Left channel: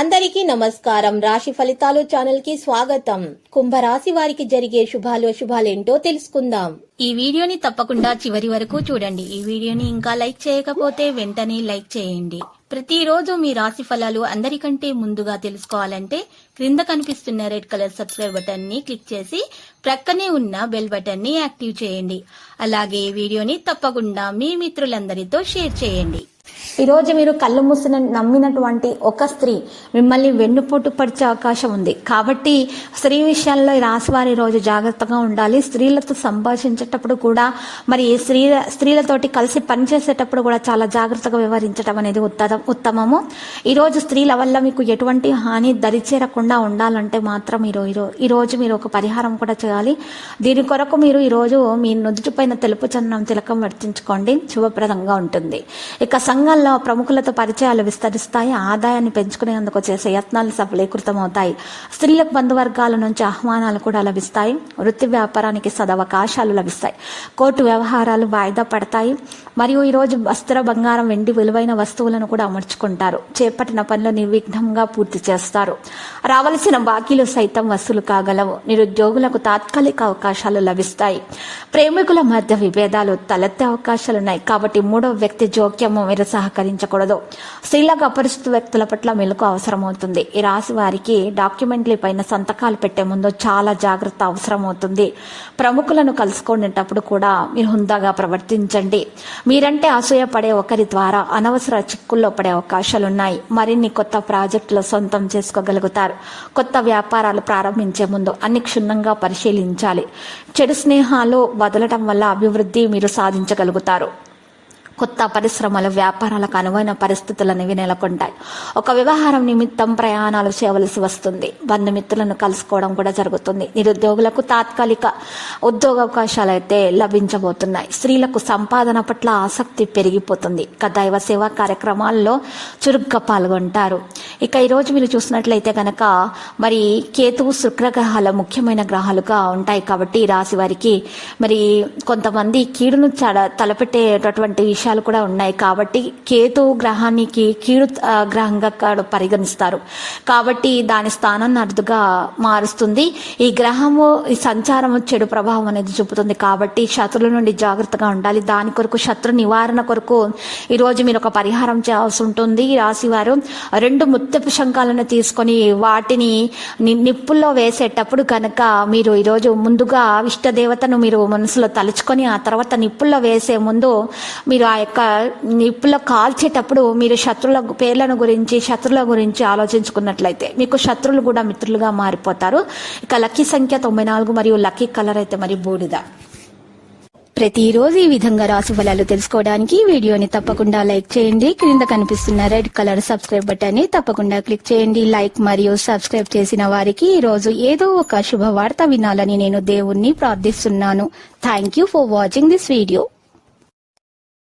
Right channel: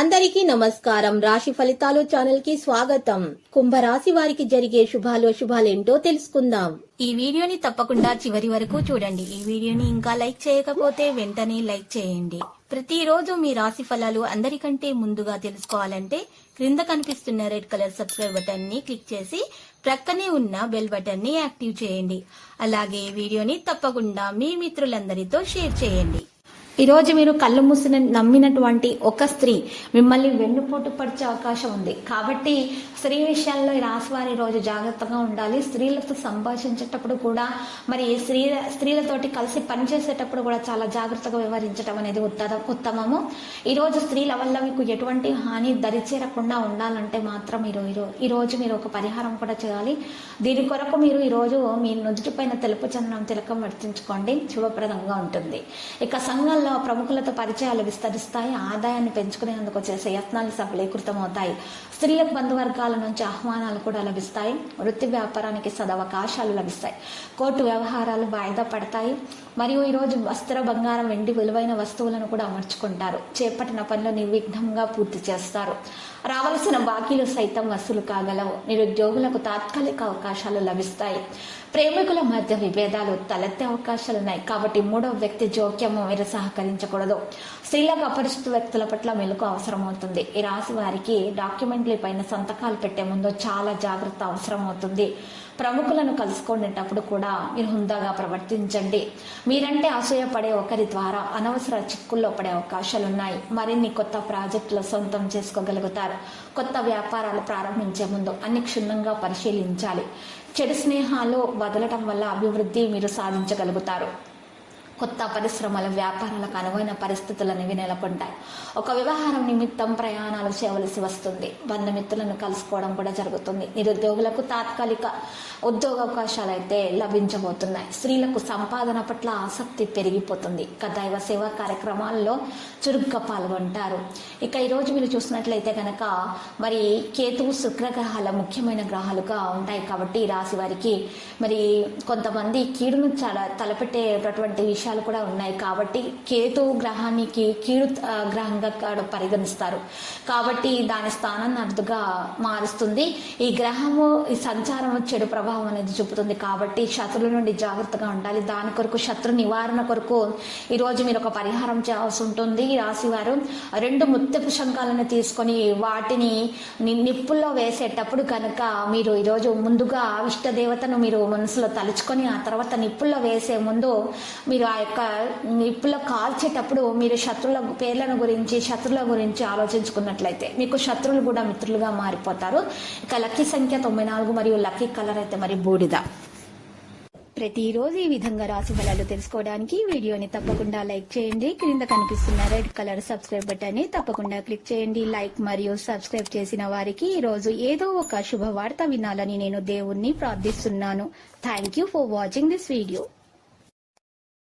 అందరికీ నమస్కారం. రాశి ఫలితాలు ఛానల్ కి స్వాగతం. కుంభరాశి వారికి జరిగే శుభాలేంటో తెలుసుకుందాం. ఈ వీడియోని తప్పకుండా చివరి వరకు చూడండి. ఈ వీడియోని ఇంకా లైక్ చేయకపోతే వెంటనే లైక్ చేయండి. ప్రతిరోజు మీ రాశి ఫలాలు అందరికంటే ముందుగా తెలుసుకోవాలంటే క్రింద కనిపిస్తున్న రెడ్ కలర్ సబ్స్క్రైబ్ బటన్ ని క్లిక్ చేసి ప్రక్కనే ఉన్న బెల్ బటన్ ని యాక్టివ్ చేయండి. అలాగే ఈ వీడియోని తప్పకుండా మీ మిత్రులందరితో షేర్ చేయండి. ఈ రోజు మీరు కళ్ళు మూసిన నమ్మినటువంటి ఒక స్త్రీ మిమ్మల్ని వెన్నుపోటు పరిచే అవకాశం ఉంది. కాబట్టి స్త్రీ విషయాల్లో ఈ రాశి వారి రోజు జాగ్రత్తగా ఉండాలి. స్త్రీలతో సంభాషించేటప్పుడు కూడా మరి స్త్రీలతోటి కలిసి పనిచేసేటప్పుడు కూడా చాలా జాగ్రత్తగా వ్యవహరించడం అనేది ఉత్తమము. ఈరోజు స్త్రీల వల్ల మీకు ఎటువంటి హాని దరిచేరకుండా ఉండాలంటే మాత్రం ఈరోజు మీరు ఒక పరిహారం కూడా చేయాలి. దీని కొరకు మీరు ఈరోజు మీ నుదుటిపైన తెలుపు చందనం తిలకం వర్తించుకోండి, శుభప్రదంగా ఉంటుంది. ఇక సంఘంలో ప్రముఖులతో పరిచయాలు విస్తరిస్తాయి. ఆదాయాన్ని పెంచుకునేందుకు చేసే యత్నాలు సఫలీకృతమవుతాయి. స్త్రీలకు బంధువర్గాల నుంచి ఆహ్వానాలు కూడా లభిస్తాయి. వృత్తి వ్యాపారానికి సదవకాశాలు లభిస్తాయి. కోర్టు వ్యవహారాలు వాయిదా పడతాయి. మరియు ఈరోజు వస్త్ర, బంగారం, వెండి విలువైన వస్తువులను కూడా అమర్చుకుంటారు. చేపట్టిన పనులు నిర్విఘ్నంగా పూర్తి చేస్తారు. రావలసిన బాకీలు సైతం వసూలు కాగలవు. నిరుద్యోగులకు తాత్కాలిక అవకాశాలు లభిస్తాయి. ప్రేమికుల మధ్య విభేదాలు తలెత్తే అవకాశాలున్నాయి. కాబట్టి మూడవ వ్యక్తి జోక్యము మీరు సహకరించకూడదు. స్త్రీలకు అపరిచిత వ్యక్తుల పట్ల మెలకు అవసరమవుతుంది. ఈ రాశి వారికి డాక్యుమెంట్ల పైన సంతకాలు పెట్టే ముందు చాలా జాగ్రత్త అవసరమవుతుంది. ప్రముఖులను కలుసుకునేటప్పుడు కూడా మీరు హుందాగా ప్రవర్తించండి. మీరంటే అసూయపడే ఒకరి ద్వారా అనవసర చిక్కుల్లో పడే అవకాశాలున్నాయి. మరిన్ని కొత్త ప్రాజెక్టులు సొంతం చేసుకోగలుగుతారు. కొత్త వ్యాపారాలు ప్రారంభించే ముందు అన్ని క్షుణ్ణంగా పరిశీలించాలి. చెడు స్నేహాలు వదలటం వల్ల అభివృద్ధి మీరు సాధించగలుగుతారు. కొత్త పరిశ్రమలు, వ్యాపారాలకు అనువైన పరిస్థితులు అనేవి నెలకొంటాయి. ఒక వ్యవహారం నిమిత్తం ప్రయాణాలు చేయవలసి వస్తుంది. బంధుమిత్రులను కలుసుకోవడం కూడా జరుగుతుంది. నిరుద్యోగులకు తాత్కాలిక ఉద్యోగ అవకాశాలు అయితే లభించబోతున్నాయి. స్త్రీలకు సంపాదన పట్ల ఆసక్తి పెరిగిపోతుంది. ఇక దైవ సేవా కార్యక్రమాల్లో చురుగ్గా పాల్గొంటారు. ఇక ఈరోజు మీరు చూసినట్లయితే కనుక మరి కేతువు, శుక్రగ్రహాల ముఖ్యమైన గ్రహాలుగా ఉంటాయి. కాబట్టి ఈ రాశి వారికి మరి కొంతమంది కీడును తలపెట్టేటటువంటి విషయాలు కూడా ఉన్నాయి. కాబట్టి కేతు గ్రహానికి కీడు గ్రహంగా పరిగణిస్తారు. కాబట్టి దాని స్థానాన్ని అరుదుగా మారుస్తుంది. ఈ గ్రహము ఈ సంచారము చెడు ప్రభావం అనేది చూపుతుంది. కాబట్టి శత్రువుల నుండి జాగ్రత్తగా ఉండాలి. దాని కొరకు శత్రు నివారణ కొరకు ఈరోజు మీరు ఒక పరిహారం చేయాల్సి ఉంటుంది. ఈ రాశి వారు 2 ముత్యపు శంఖాలను తీసుకొని వాటిని నిప్పుల్లో వేసేటప్పుడు కనుక మీరు ఈరోజు ముందుగా ఇష్ట దేవతను మీరు మనసులో తలుచుకొని ఆ తర్వాత నిప్పుల్లో వేసే ముందు మీరు ఆ యొక్క నిప్పులో కాల్చేటప్పుడు మీరు శత్రువుల పేర్లను గురించి, శత్రువుల గురించి ఆలోచించుకున్నట్లయితే మీకు శత్రువులు కూడా మిత్రులుగా మారిపోతారు. ఇక లక్కీ సంఖ్య 94 మరియు లక్కీ కలర్ అయితే మరి బూడిద. ప్రతిరోజు ఈ విధంగా రాశి ఫలాలు తెలుసుకోవడానికి వీడియోని తప్పకుండా లైక్ చేయండి. క్రింద కనిపిస్తున్న రెడ్ కలర్ సబ్స్క్రైబ్ బటన్ ని తప్పకుండా క్లిక్ చేయండి. లైక్ మరియు సబ్స్క్రైబ్ చేసిన వారికి ఈ రోజు ఏదో ఒక శుభవార్త వినాలని నేను దేవుణ్ణి ప్రార్థిస్తున్నాను. Thank you for watching this video.